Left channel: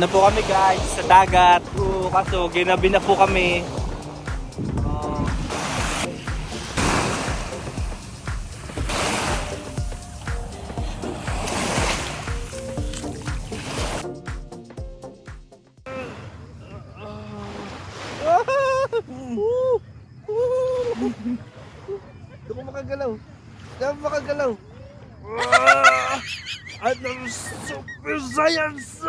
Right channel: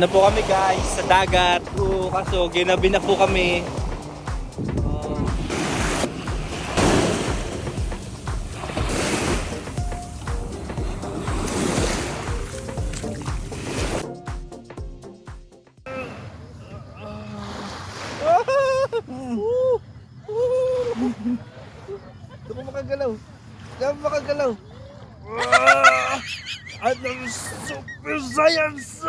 Na po kami guys sa dagat. Kaso ginabi na po kami. Hindi ko makagalaw. Hindi ako makagalaw. Ano super science!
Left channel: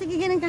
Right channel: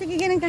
Sige, ganun ka.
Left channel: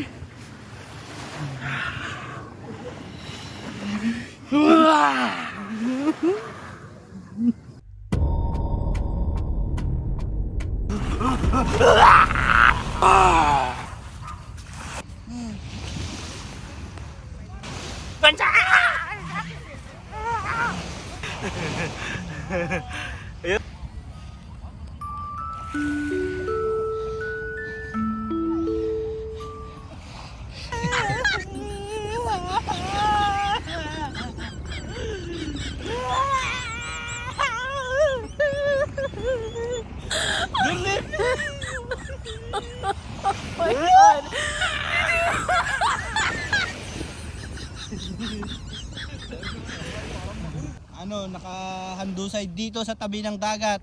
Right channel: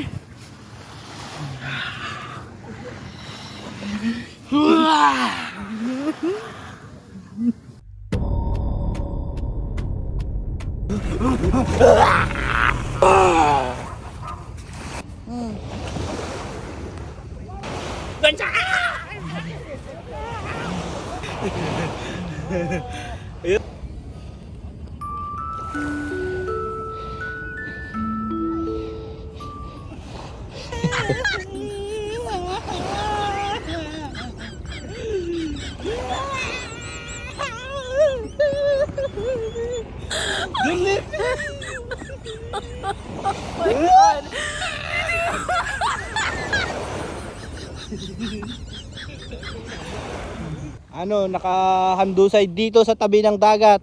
Nakahandusay dito sa tabi ng dagat.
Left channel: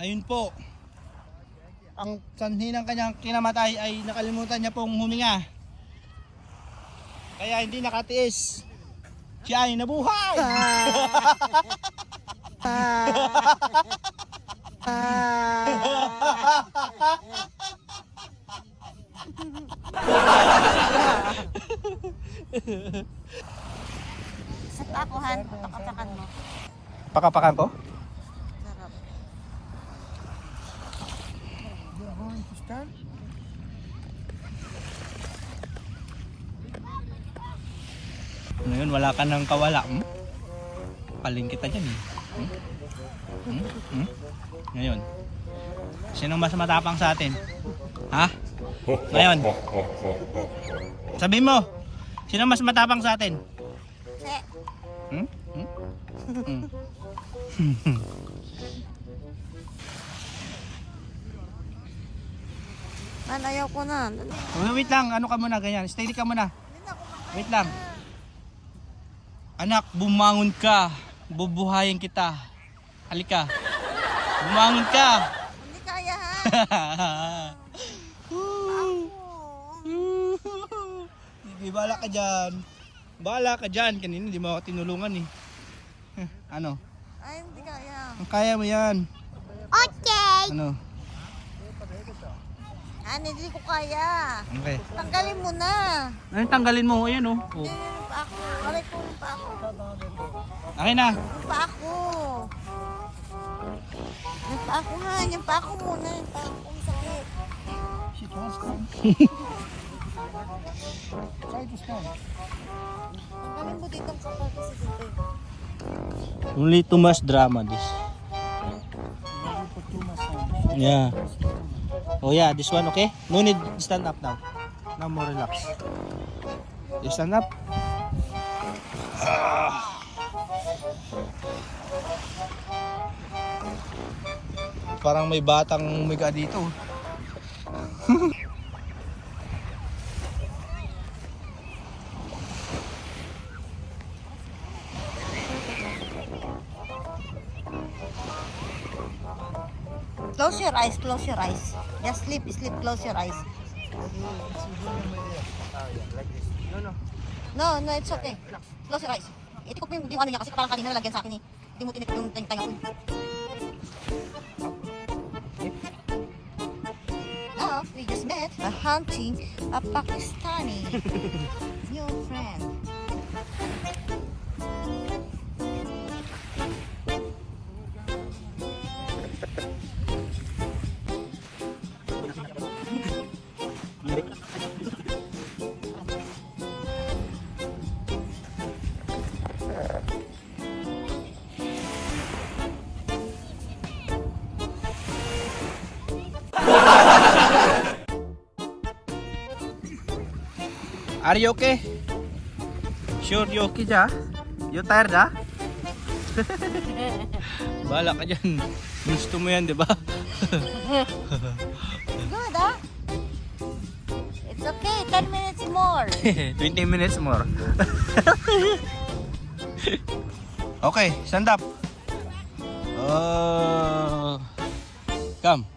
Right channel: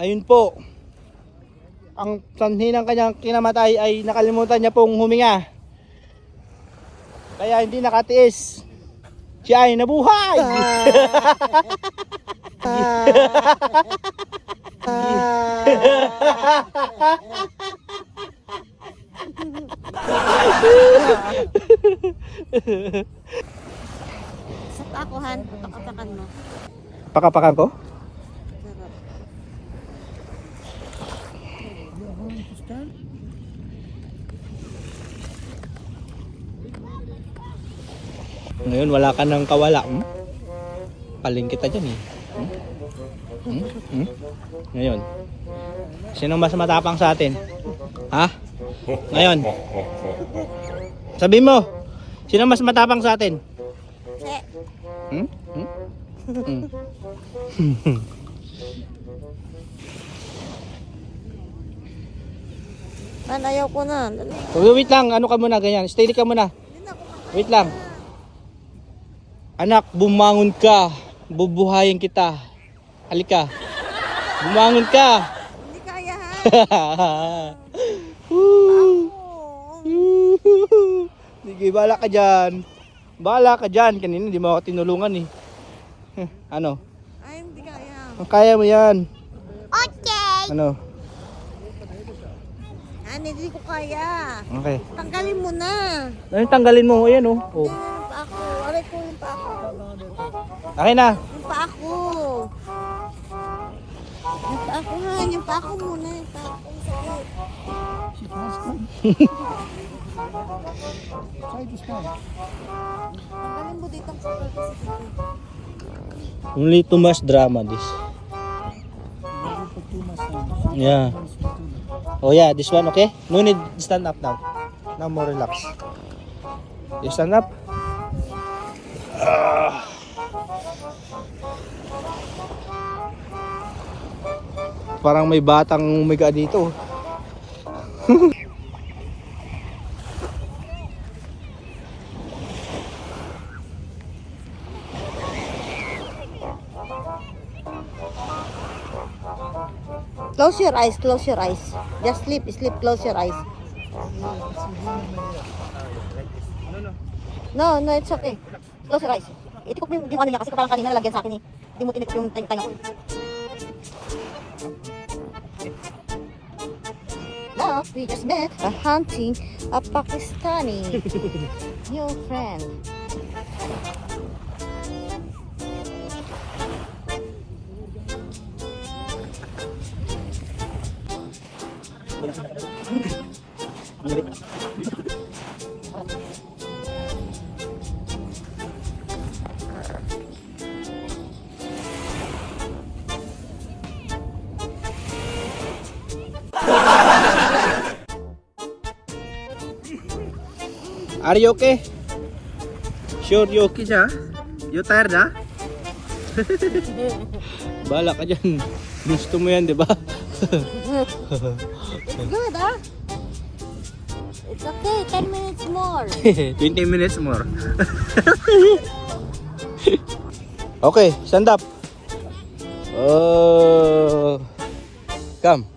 Ayun po. Ang sanhi ng kanyang kinamatay ay nakalimutan niya pong huminga. Kaya hindi nakatiis. Siya ay nabuhay. Sa pakuhan, pakapakan mo. Pakapakan ko? Sarap. Ngayon wala ka ng kawala. Paling kita dyan eh. Ngayon. Sino mas matapang sa atin? Ha? Ngayon. Sabi mo. Sino mas matapang sa atin? Ayaw ko na. Wait lang, ano ka muna ganyan. Steady ka muna. Wait lang. Anak, bumangon ka. Bubuhayin kita. Halika. Bumangon ka. Hindi kaya ha. Sige, bala ka dyan. Bala ka dyan. Kanina hindi mo ako tinulungan eh. Ano? Ay, hindi kaya. Kaya mo yan. Okay. Ano? Hindi ko kaya. Okay. Tanggalin mo na. Ano tanggalin mo? Ayan oh. Oh. Yung pa ako. Aray ko yung pa ako. Akin na. Yung pa ako. Yung pa ako ha. Yung pa ako muna. Yung pa ako. Tanggalin mo dito. Only too much drama this. Yeah. Oh yeah, this one okay? No need stand up now. Now more relax. You stand up. Parang may batang umiga dito. Close your eyes, close your eyes. Just sleep, sleep, close your eyes. No, it's okay. Close your eyes. Itikot mo yung ano niya kasi parang kanina nalagyan sa akin eh. Hindi mo tinikot yung tayo ko. Love, we just met hunting a Pakistani new friend. Are you okay? Sure you okay siya? You tired ha? Bala ka dyan. Gusto mo yan, di ba? Good, huh? It's okay, 10 minutes more. 20 minutes more. Okay, stand up. Oh. Come.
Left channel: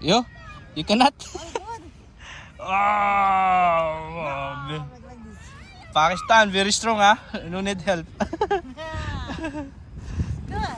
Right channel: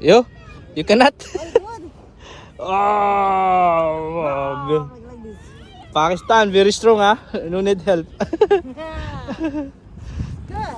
Good. You cannot? All good. Oh, Like this. Pakistan, very strong ha. No need help. Good.